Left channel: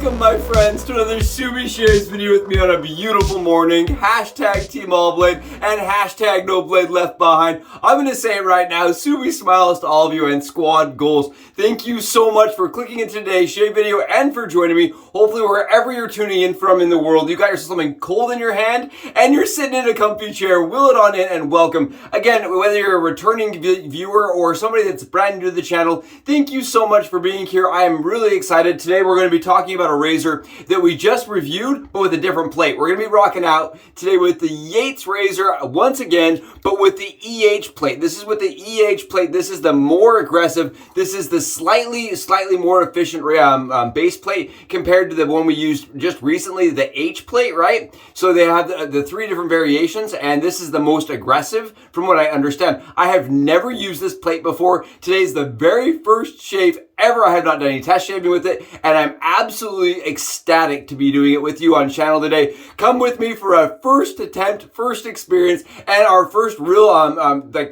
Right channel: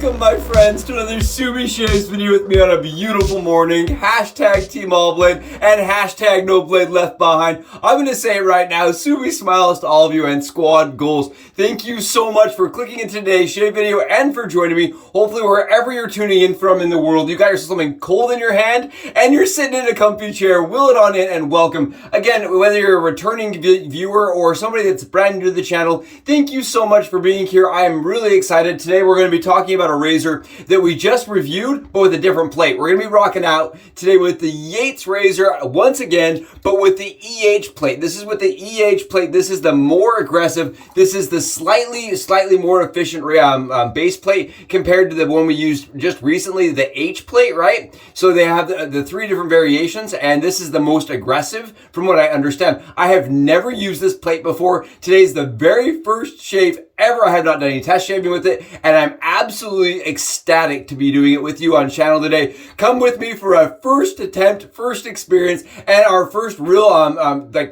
Welcome, my friends, to another Subi Shaves video with me on a beautiful morning. Hashtag Team All Blade and hashtag No Blade Left Behind. I'm going to say it right now. Subi smiles to all of you and squad goals. Thank you so much for clicking in today's shave video and for joining me. Hopefully, wherever you're tuning in from in the world, you got yourself something cold in your hand and you're sitting in a comfy chair. Wheel it on in and welcome. Again, whether you're a returning viewer or somebody that's brand new to the channel, thank you so much for being here. I am really excited. Today, we're going to be talking about a razor that we just reviewed, but with a different plate. We're going to be rocking out today with the Yates razor once again, but with the EH plate. This is with the EH plate. This is the more aggressive. This is the slightly more efficient base plate compared to the one we used just recently, the H plate, right? So they have the three different variations, and this is the most aggressive from what I understand. I have never used this plate before. Today's the very first shave ever. I have not done any test shaving with it, and I'm absolutely ecstatic to be doing it with you on channel today. Come with me for a first attempt, first experience, and our first real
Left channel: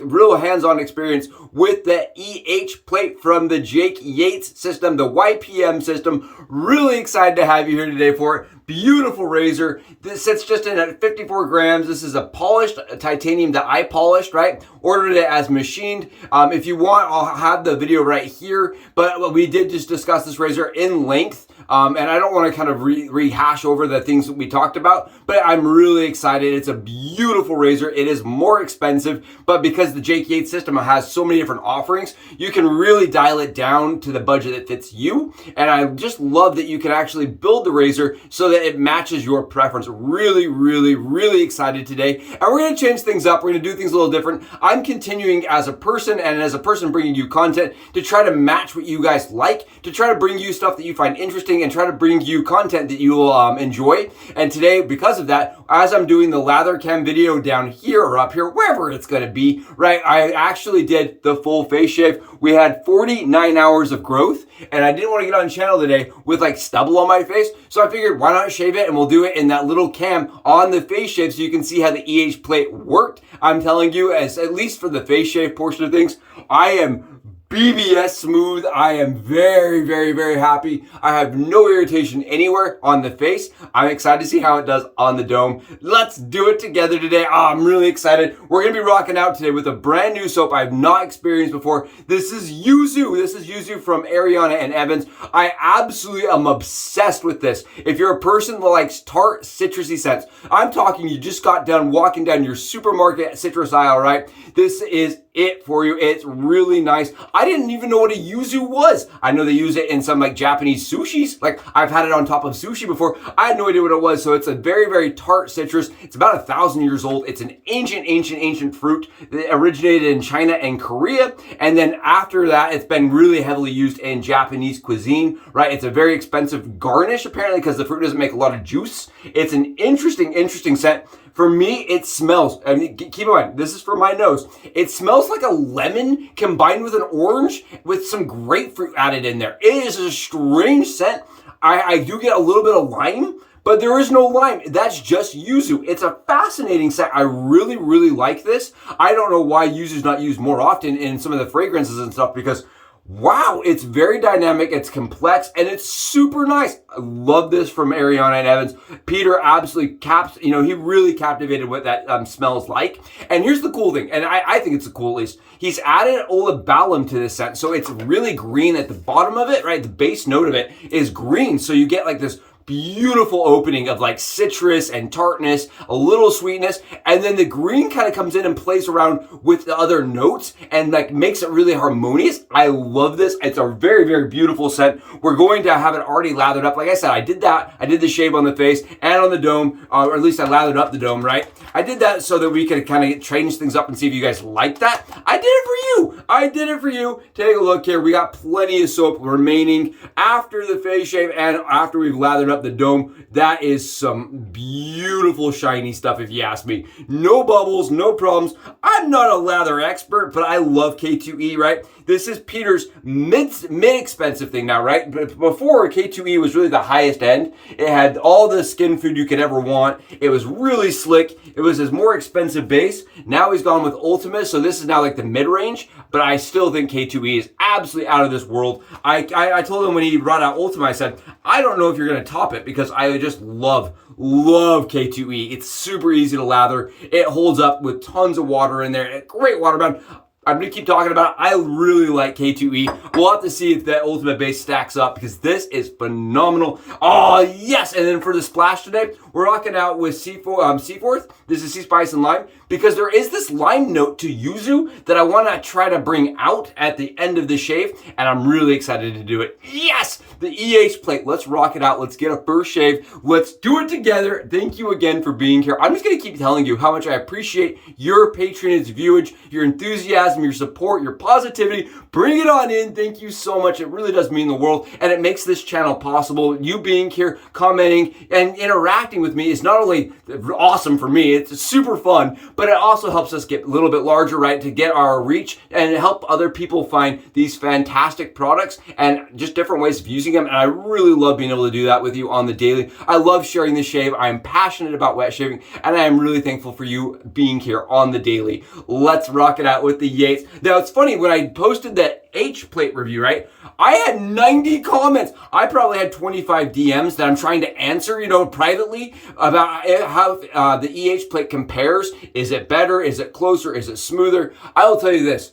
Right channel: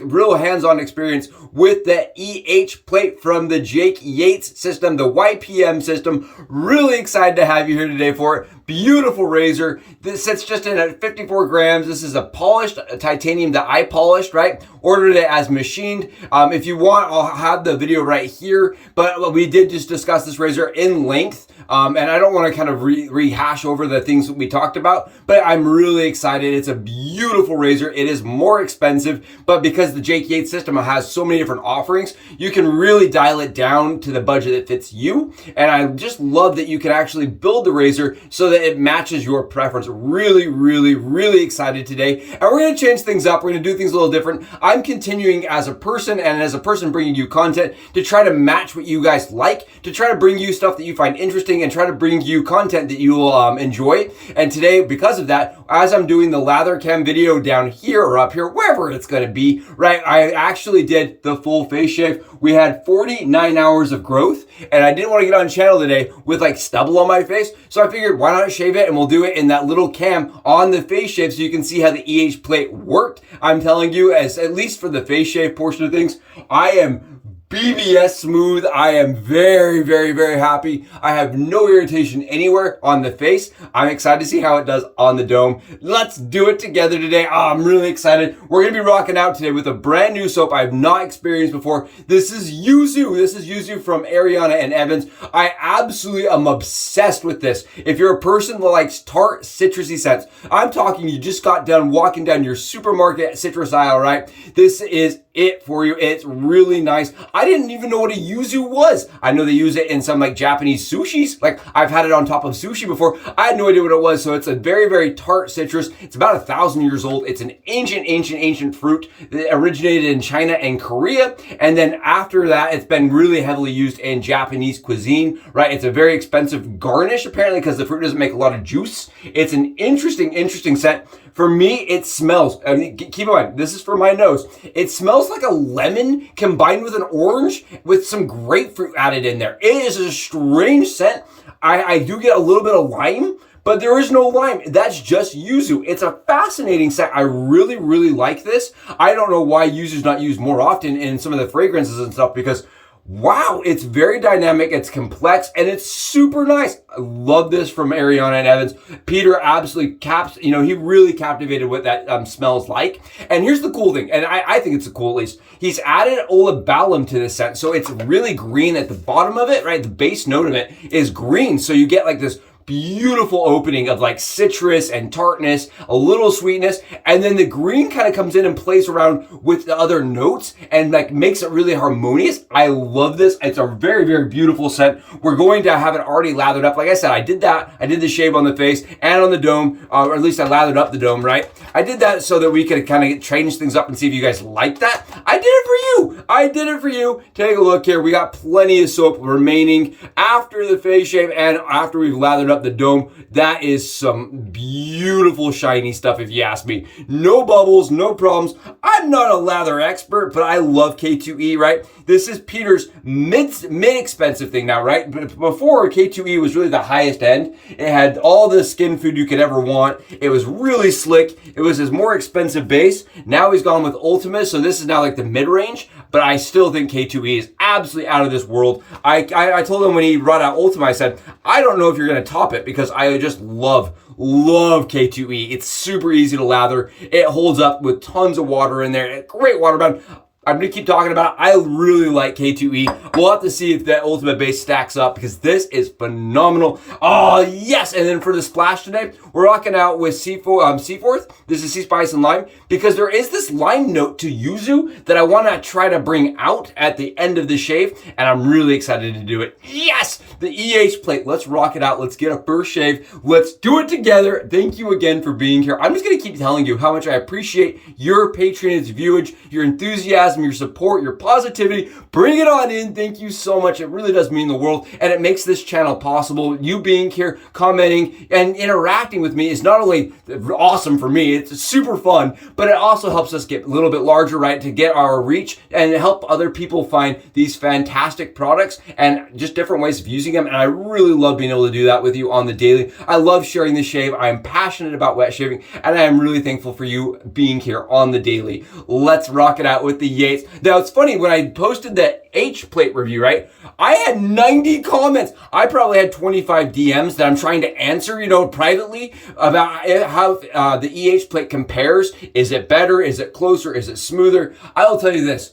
real hands-on experience with the EH plate from the Jake Yates system, the YPM system. Really excited to have you here today for it. Beautiful razor. This sits just in at 54 grams. This is a polished titanium that I polished, right? Ordered it as machined. If you want, I'll have the video right here, but we did just discuss this razor in length. And I don't want to kind of rehash over the things that we talked about, but I'm really excited. It's a beautiful razor. It is more expensive, but because the Jake Yates system has so many different offerings, you can really dial it down to the budget that fits you. And I just love that you can actually build the razor so that it matches your preference. Really excited today. And we're going to change things up. We're going to do things a little different. I'm continuing as a person and as a person bringing you content to try to match what you guys like, to try to bring you stuff that you find interesting and try to bring you content that you will enjoy. And today, because of that, as I'm doing the lather cam video down here or up here, wherever it's going to be, right, I actually did the full face shave. We had 49 hours of growth, and I didn't want to get on channel today with like stubble on my face, so I figured why not shave it, and we'll do it in that little cam on the face shave so you can see how the EH plate worked. I'm telling you, as at least for the face shave portion of things, I am BBS smooth. I am very happy. I have no irritation anywhere on the face. I'm excited to see how it does on the dome. Let's do it together today. Oh, I'm really excited. We're going to be rocking out today with a brand new soap I have not experienced before. This is YUZU. This is YUZU from Ariana and Evans. I absolutely am obsessed with this. If you're a person that likes tart, citrusy scents, I'm talking you just got done walking down your supermarket citrus aisle, right? This is it for you. It's really nice. I didn't even know what a yuzu was. I know they use it in some like Japanese sushis. Like I've had it on top of sushi before. I had no idea what it was. So it's a very tart citrus. It's about 1,000 years old. It's an ancient fruit that originated in China and Korea. And then after that, it's been really heavily used in Japanese cuisine, right? It's a very expensive garnish apparently because the fruit doesn't make a lot of juice. It's an interesting scent. For me, it smells, I mean, keep in mind, this is for my nose. It smells like a lemon combined with an orange with some grapefruit added in there. It is a strange scent. I do get a little bit of lime, but there is no lime. That's just yuzu. It's a fascinating scent. I really like this. I don't know why yuzu's not used more often in some of the fragrances and stuff because wow, it's very dynamic, it's complex, and it's super nice. I love this from Ariana and Evans. Peter absolutely he really captivated what that smells like. And here's the cool thing, and I think it's cool at least. He's added olabalum to this scent, so it's really green at the bottom of it, right? The base note of it is green, so you get like this beautiful opening of like citrus and tartness, a little sweetness, and then the green kind of comes in and plays around with the other notes and like makes it really harmonious. I love this. It's a very beautiful scent. We're going to have it already lathered up. Like I said, I did that. I did the shave on the face and on the dome, or at least I lathered up the dome, right? I did that so that we could kind of change things up and see if you guys like that. I did it for you. I did it for you. Take a look here. We got plenty of soap remaining after the face shave and after we've lathered up the dome. That is some beautiful shiny stuff if you ask me. No bubbles, no problems. I'm not a lather expert, but I love K2E, right? This is Peter's mid-expensive thing now, right? But before, K2E was really the highest end. It had all the skin food you could ever want. It was really slick. It was his more expensive base. Now he's gone with Ultimate, so this is now like the mid-range, but I still think K2E is absolutely out of this world. I told him when he brought out Ultima, I said, I don't know if you're going to top it because I just love K2E. It's super easy to lather. It holds up with tons of water in there. Great water bound. I'm going to keep talking about it. I really like K2E. We'll have to see if that Ultimate base stacks up because this is phenomenal. Oh, yes. And then for the splash today, we're rocking out with Seaforth. This is Sea Spice and Lime because there is this lime note to Yuzu that I want to try to bring out at the end of the shave, and I'm really excited to do it. Yes, the EH plate. Let's rock it out. Let's get a first shave. Let's do it together. Thank you again for being here. I'm just going to keep telling you how much I appreciate your patronage, viewage, your enthusiasm, your support, your positivity. Bring it on in. Thank you so much. It really does mean the world, and it makes this channel possible. You being here, commenting, and interacting with me is not only awesome for me, it's super fun, but it also helps us get a little bit larger, right, to get our reach and help other people find these fantastic products and just different ways of using them. And I really love being able to do that with you on the daily. I love sharing the shave. I am passionate about wet shaving, and I am really thankful for you being here on the daily. Let's rock it out with the Yates. Now, it's funny, when I posted the H plate review, right, I had 90 comments. I probably had 25 DMs that I'm trying to answer, you know, privately about how the EH plate compares. Is it better? Is it closer? Is it smoother? I will tell you this.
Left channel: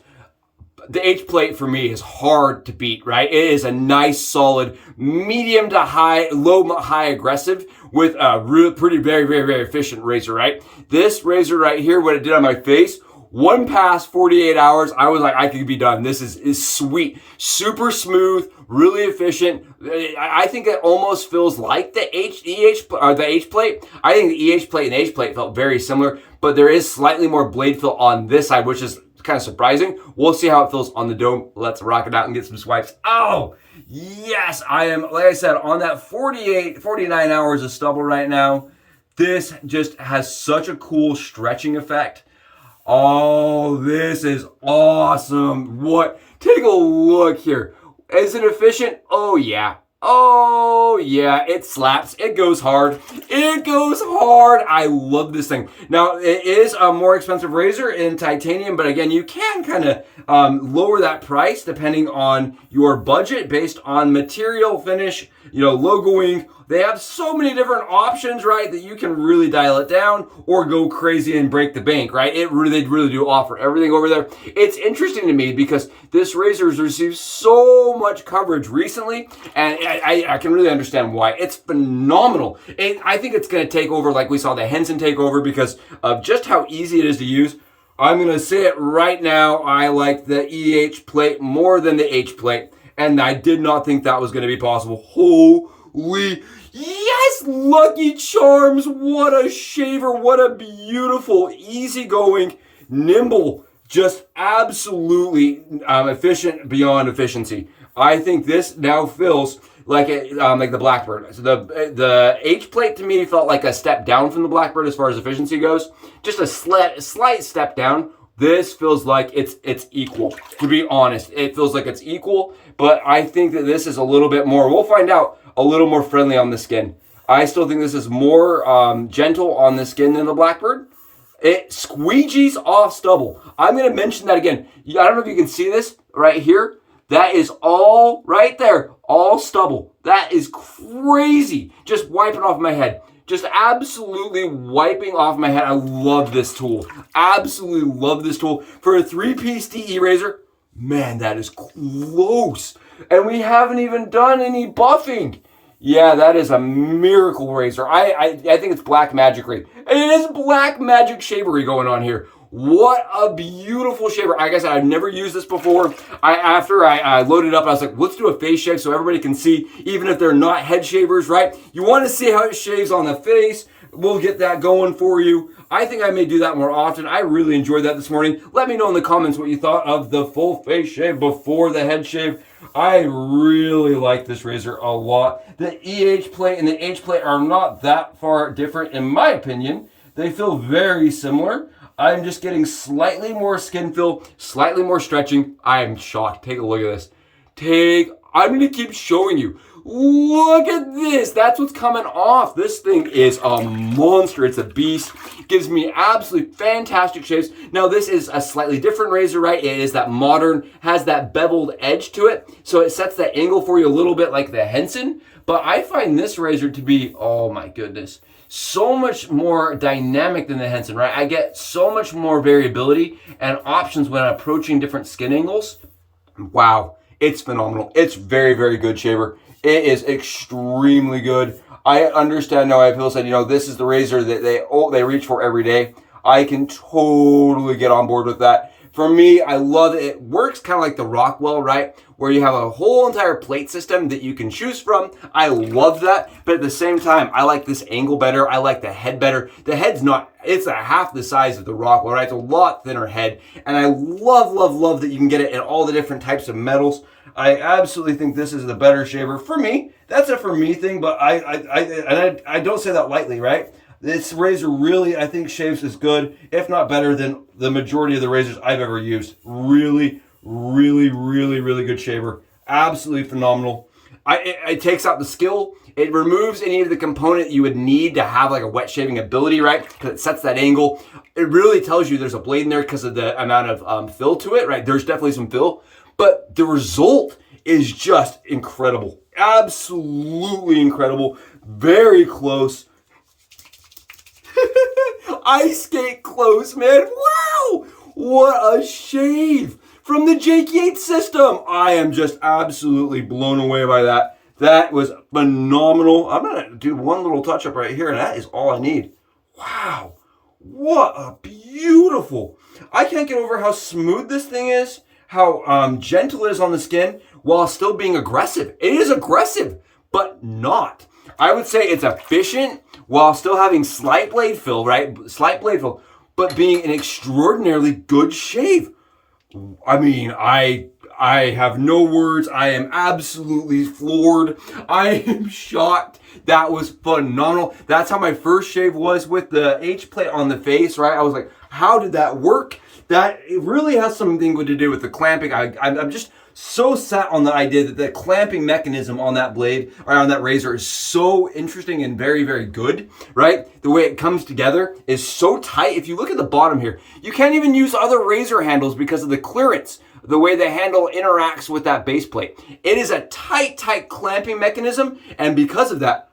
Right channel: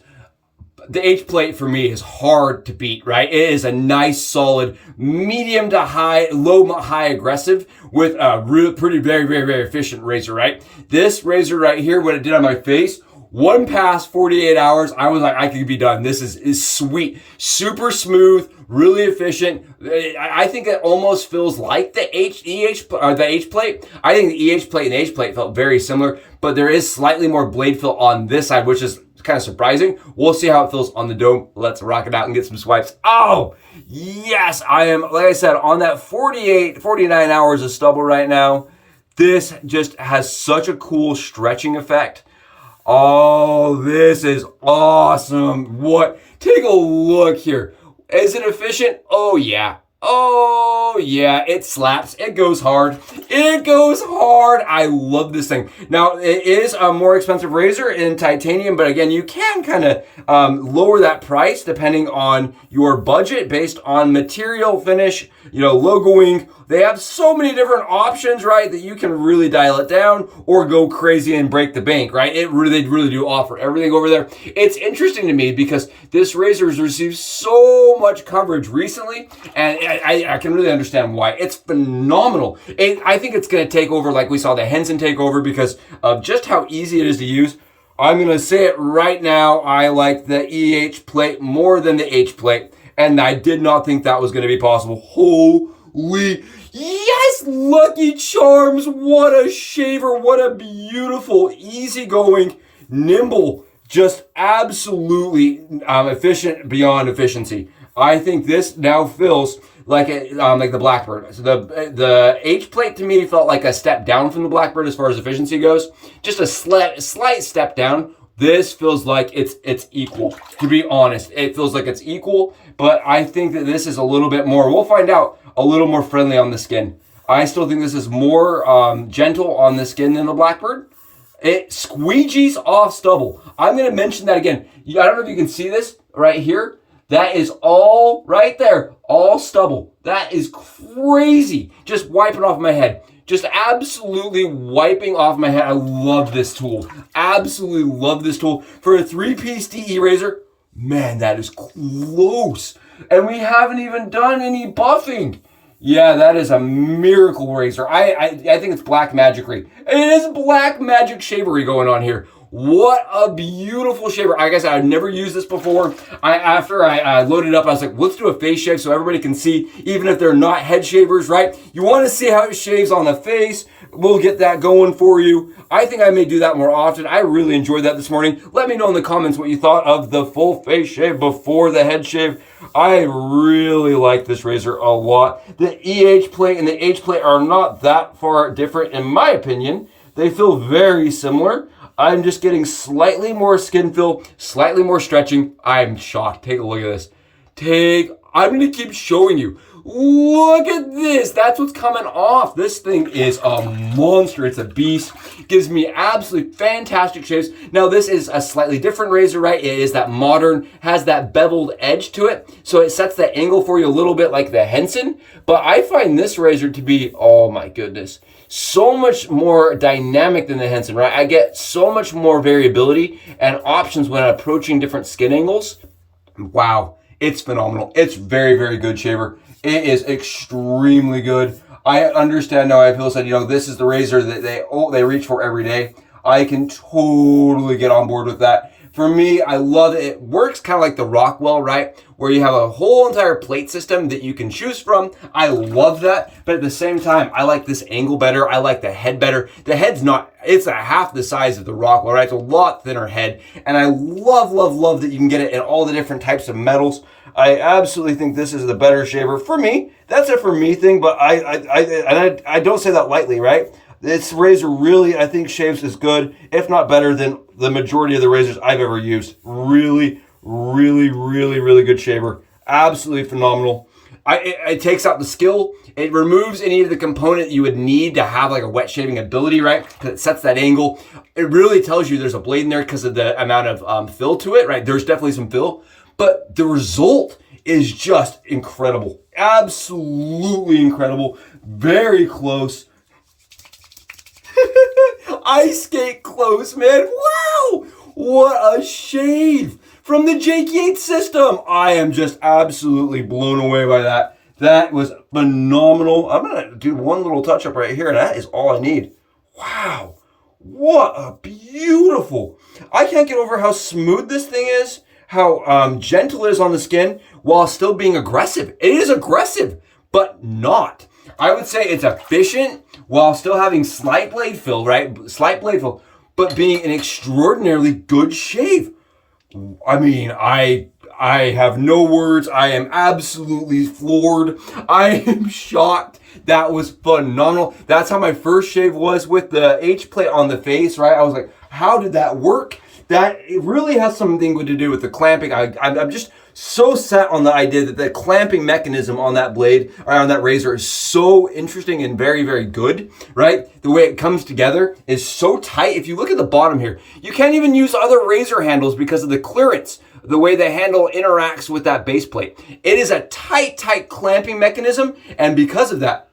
The H plate for me is hard to beat, right? It is a nice, solid, medium to high, low, high aggressive with a really pretty, very efficient razor, right? This razor right here, what it did on my face, one pass, 48 hours, I was like, I could be done. This is sweet, super smooth, really efficient. I think it almost feels like the H plate. I think the EH plate and the H plate felt very similar, but there is slightly more blade fill on this side, which is kind of surprising. We'll see how it feels on the dome. Let's rock it out and get some swipes. Oh, yes, I am, like I said, on that 49 hours of stubble right now. This just has such a cool stretching effect. Oh, this is awesome. What? Take a look here. Is it efficient? Oh, yeah. Oh, yeah, it slaps. It goes hard. It goes hard. I love this thing. Now, it is a more expensive razor in titanium, but again, you can kind of lower that price depending on your budget based on material, finish, you know, logoing. They have so many different options, right, that you can really dial it down or go crazy and break the bank, right? They really do offer everything over there. It's interesting to me because this razor has received so much coverage recently, and I can really understand why. It's phenomenal. And I think it's going to take over like we saw the Henson take over because of just how easy it is to use. I'm going to say it right now. I like the EH plate more than the H plate, and I did not think that was going to be possible. Holy yes, Lucky Charms. What a shaver. What a beautiful, easygoing, nimble, just absolutely efficient beyond efficiency. I think this now feels like the Blackbird. So the H plate to me felt like a step down from the Blackbird as far as efficiency goes. Just a slight step down. This feels like it's equal. To be honest, it feels like it's equal, but I think that this is a little bit more. We'll find out. A little more friendly on the skin. I still think this is more gentle on the skin than the Blackbird. It squeegees off stubble. I'm going to mention that again. I don't know if you can see this right here. That is all right there. All stubble. That is crazy. Just wiping off my head. Just absolutely wiping off my head. I love this tool. Absolutely love this tool. For a 3-piece DE razor, man, that is close. And we haven't even done any buffing. Yeah, that is a miracle razor. I think it's black magic-y. It is black magic shavery going on here. What a beautiful shaver. Like I said, I've never used this before. After I loaded it up, I was like, let's do a face shave so everybody can see, even if they're not head shavers, right? You want to see how it shaves on the face. We'll get that going for you. I think I may do that more often. I really enjoyed that this morning. Let me know in the comments what you thought of the full face shave before the head shave. I really like this razor a lot. The EH plate and the H plate are not that far different in my opinion. They feel very similar. I'm just getting slightly more skin fill, slightly more stretching. I'm shocked. Take a look at this. I'm going to keep showing you. Look at this. That's what's coming off. This thing is a monster. It's a beast. Gives me absolutely fantastic shaves. Now, this is a slightly different razor, right? It is that modern, has that beveled edge to it. So it sets that angle for you a little bit like the Henson. But I find this razor to be, oh my goodness, so much more dynamic than the Henson, right? I get so much more variability and options when approaching different skin angles. Wow, it's phenomenal. It's very, very good shaver. It is extremely good. I understand now why people said, you know, this is the razor that they reach for every day. I can totally get on board with that. For me, I love it. It works kind of like the Rockwell, right? Where you have a whole entire plate system that you can choose from. I love that. But at the same time, I like this angle better. I like the head better. The head's not, it's a half the size of the Rockwell, right? It's a lot thinner head. And I love, love, love that you can get it in all the different types of metals. I absolutely think this is the better shaver for me. That's a for me thing, but I don't say that lightly, right? This razor really, I think, shaves as good, if not better, than the majority of the razors I've ever used. Really, really, really, really good shaver. Absolutely phenomenal. It takes out the skill. It removes any of the component you would need to have like a wet shaving ability, right? Because it sets that angle. It really tells you there's a blade in there because of the amount of fill to it, right? There's definitely some fill. But the result is just incredible. Absolutely incredible. Very close. Ice skate close, man. Wow! What a shave from the Yates system. I am just absolutely blown away by that. That was phenomenal. I'm going to do one little touch up right here, and that is all I need. Wow. What a beautiful. I can't get over how smooth this thing is. How gentle it is on the skin while still being aggressive. It is aggressive, but not. I would say it's efficient while still having slight blade fill, right? Slight blade fill, but being an extraordinarily good shave. I mean, I have no words. I am absolutely floored. I am shocked. That was phenomenal. That's how my first shave was with the H plate on the face, right? I was like, how did that work? That it really has something to do with the clamping. I'm just so set on the idea that the clamping mechanism on that blade or on that razor is so interesting and very, very good, right? The way it comes together is so tight. If you look at the bottom here, you can't even use other razor handles because of the clearance, the way the handle interacts with that base plate. It is a tight, tight clamping mechanism, and because of that,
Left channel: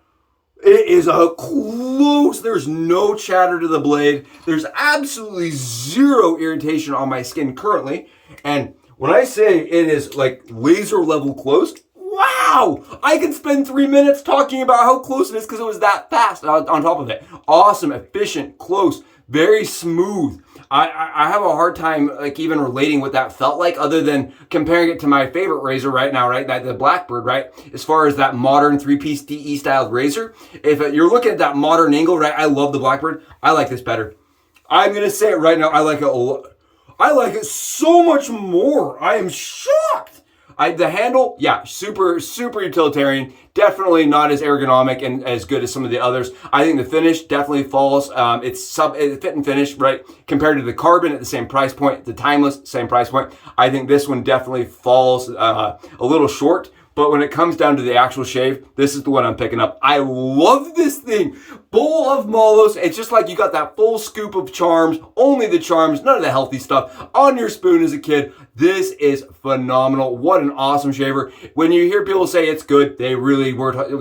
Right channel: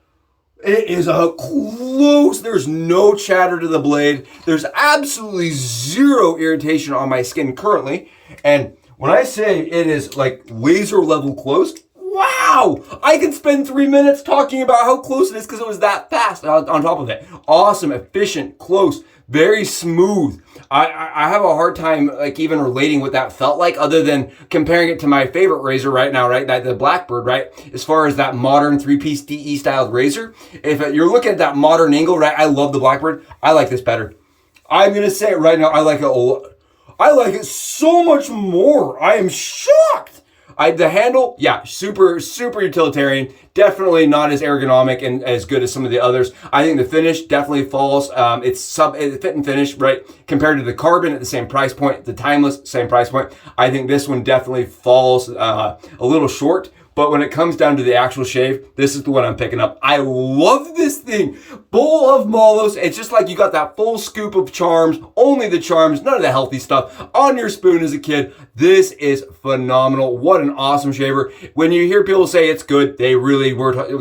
it is a close, there's no chatter to the blade. There's absolutely zero irritation on my skin currently. And when I say it is like laser level close, wow! I could spend 3 minutes talking about how close it is because it was that fast on top of it. Awesome, efficient, close, very smooth. I have a hard time like even relating what that felt like other than comparing it to my favorite razor right now, right? The Blackbird, right? As far as that modern 3-piece DE styled razor. If you're looking at that modern angle, right? I love the Blackbird. I like this better. I'm going to say it right now. I like it a lot. I like it so much more. I am shocked. The handle, yeah, super, super utilitarian. Definitely not as ergonomic and as good as some of the others. I think the finish definitely falls. It's fit and finish, right? Compared to the Carbon at the same price point, the Timeless, same price point. I think this one definitely falls a little short. But when it comes down to the actual shave, this is the one I'm picking up. I love this thing. Bowl of mallows. It's just like you got that full scoop of charms, only the charms, none of the healthy stuff on your spoon as a kid. This is phenomenal. What an awesome shaver. When you hear people say it's good, they really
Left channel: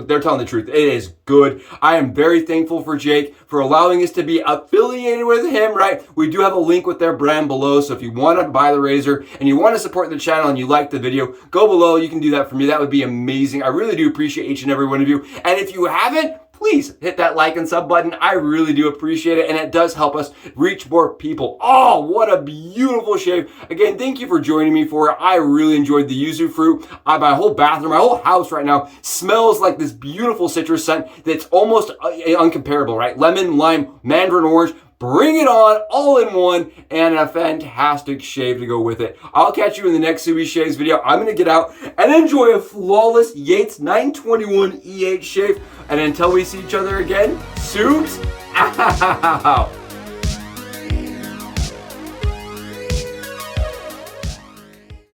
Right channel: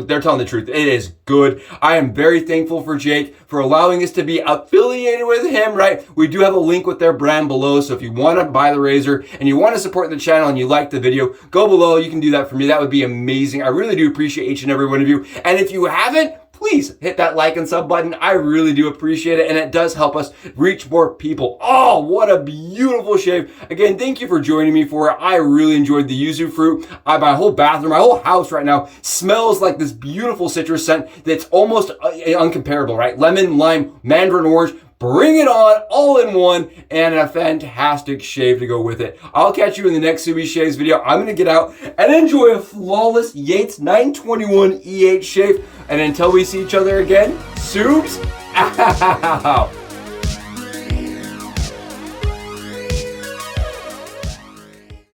they're telling the truth. It is good. I am very thankful for Jake for allowing us to be affiliated with him, right? We do have a link with their brand below. So if you want to buy the razor and you want to support the channel and you like the video, go below. You can do that for me. That would be amazing. I really do appreciate each and every one of you. And if you haven't, please hit that like and sub button. I really do appreciate it, and it does help us reach more people. Oh, what a beautiful shave. Again, thank you for joining me for it. I really enjoyed the yuzu fruit. My whole bathroom, my whole house right now smells like this beautiful citrus scent that's almost uncomparable, right? Lemon, lime, mandarin orange. Bring it on, all in one, and a fantastic shave to go with it. I'll catch you in the next Subi Shaves video. I'm going to get out and enjoy a flawless Yates 921 E8 shave. And until we see each other again, Subs out.